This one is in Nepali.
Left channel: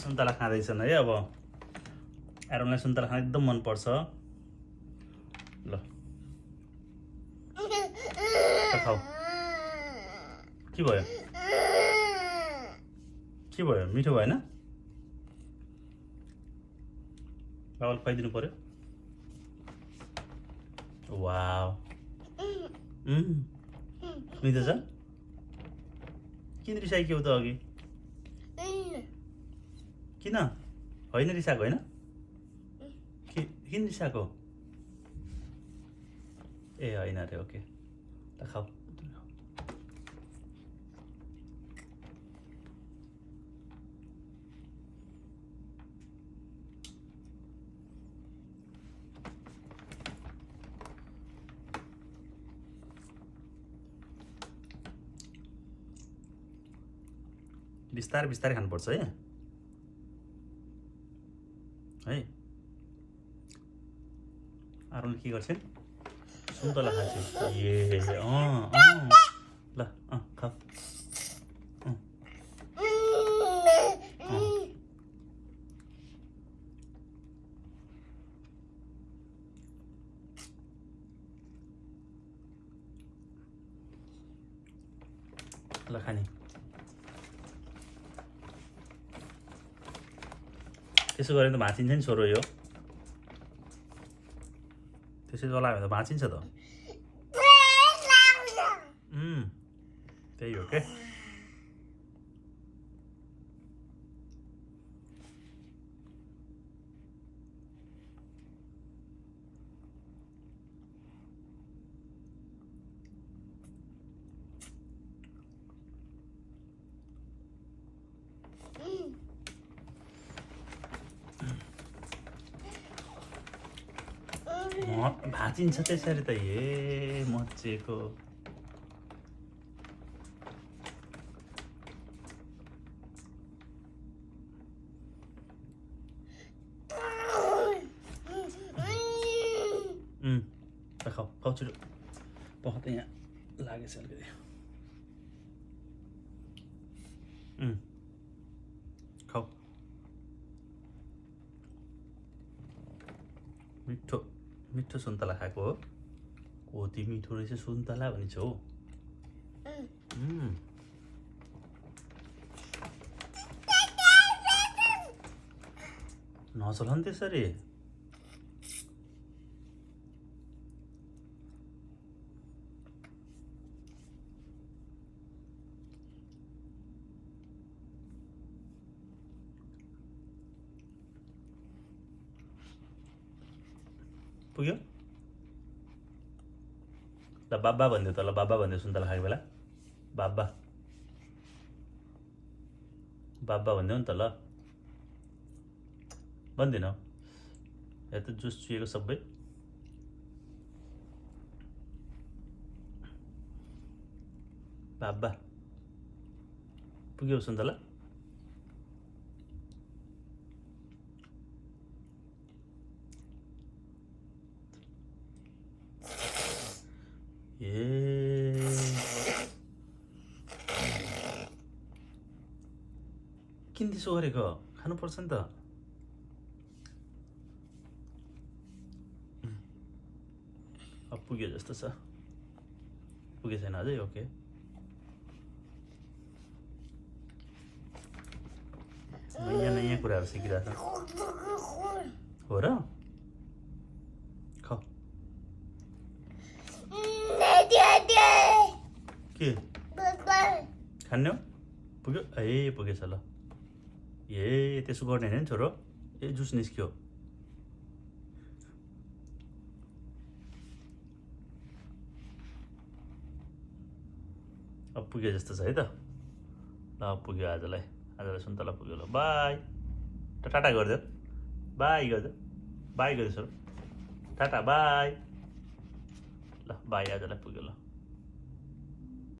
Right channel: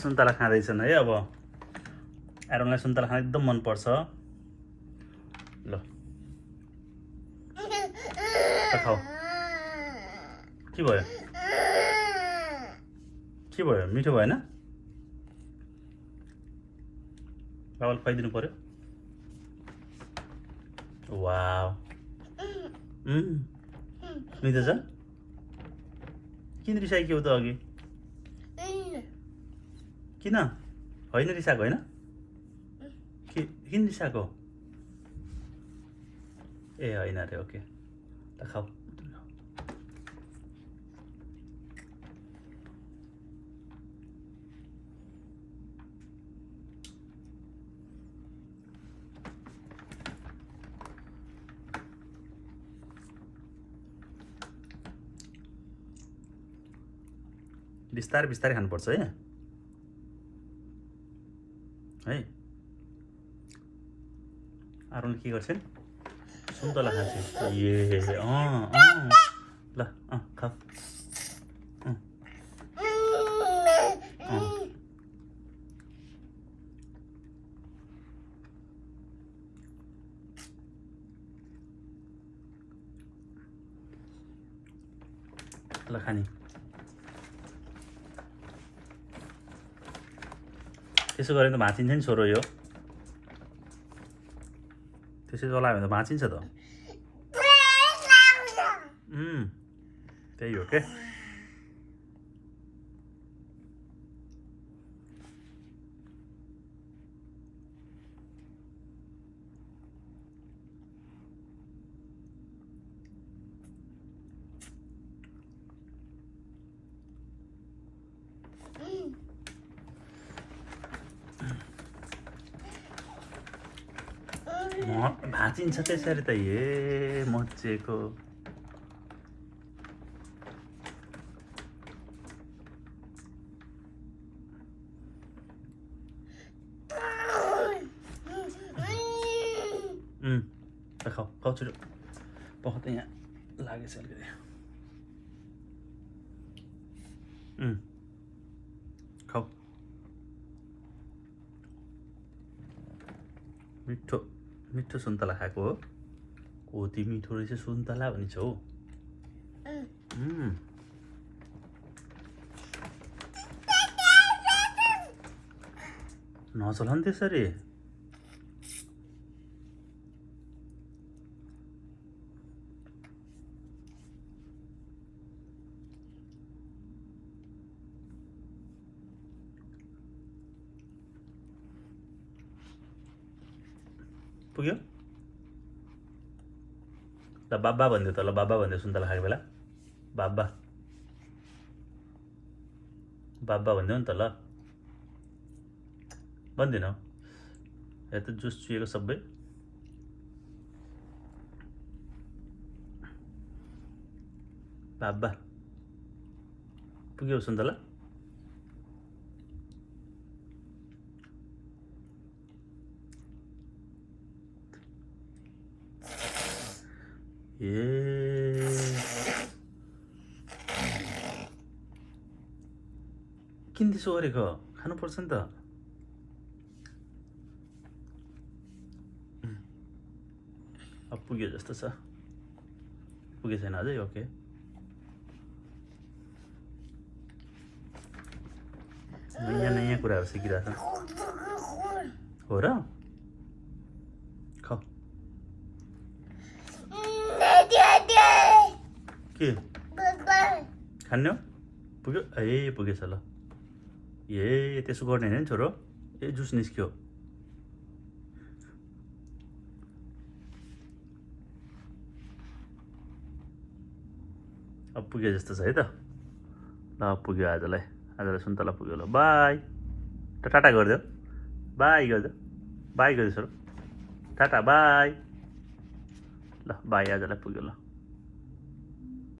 सुन्तला खाँदैछन् है। अब एरोनलाई सुन्तला खान एकदम मनपर्छ। ल खाऊ। के भयो के भयो? मिठो भएन? बाबाले खुवाइदिनु पर्यो। वाउ मिठो छ। किन रिसाइक्यौ त अघि? किन? होइन रिसाएको होइन? किन रिसाएको? ए होइन अरे ओके। ल खाऊ। बिस्तारै बिस्तारै खानुपर्छ है। आरोन के गर्छन्? सुन्तला खान्छ। ए ल खाऊ। ल खाने। त्यसो गऱ्यो भने त भाँचिन्छ नि छोरो यो। त्यसै चलायो भने त भाँचिन्छ त। त्यही हो के। भाँचिन्छ त्यसरी त। ए मजेको। खाऊ खाऊ छिटो। पख त यहाँ लागेछ अलिकति। खाऊ। मिठो मिठो सुन्तला खाएको हो। कति मिठो रहेछ सुन्तला भनिन्छ हो। नचला नि त्यसरी। पुग्यो? ल बाबा भनिदियो त। ल बाबा भनिदियो सुन्तला खाएको बेला। बाबा बाबा भनिदेऊ नि त। ल भन्दिन यहाँ त जुस चुहेको सबै। बाबा पुग्यो सुन्तला? किन त्यसो गरेको? खानुपर्छ नि त। अब पुग्यो जस्तो छ। पुगे छैन अझै? ओके। नयाँ नयाँ कुराहरू सिकिरहेको हो र। खाऊ। के खाने हो? पुग्यो? ए पुगेछ। ल ए त्यसो गर्ने होइन नि छोरो। ए जुस निस्क्यो। अब पुग्यो जस्तो छ है त। ल पुग्यो आजलाई सुन्तला पुग्यो। ल बाई। टाटा गरिदेऊ। बाई गरिदेऊ। बाई गरिदेऊ छोरो। Tata bye. ल बाई आजलाई पुग्यो। ल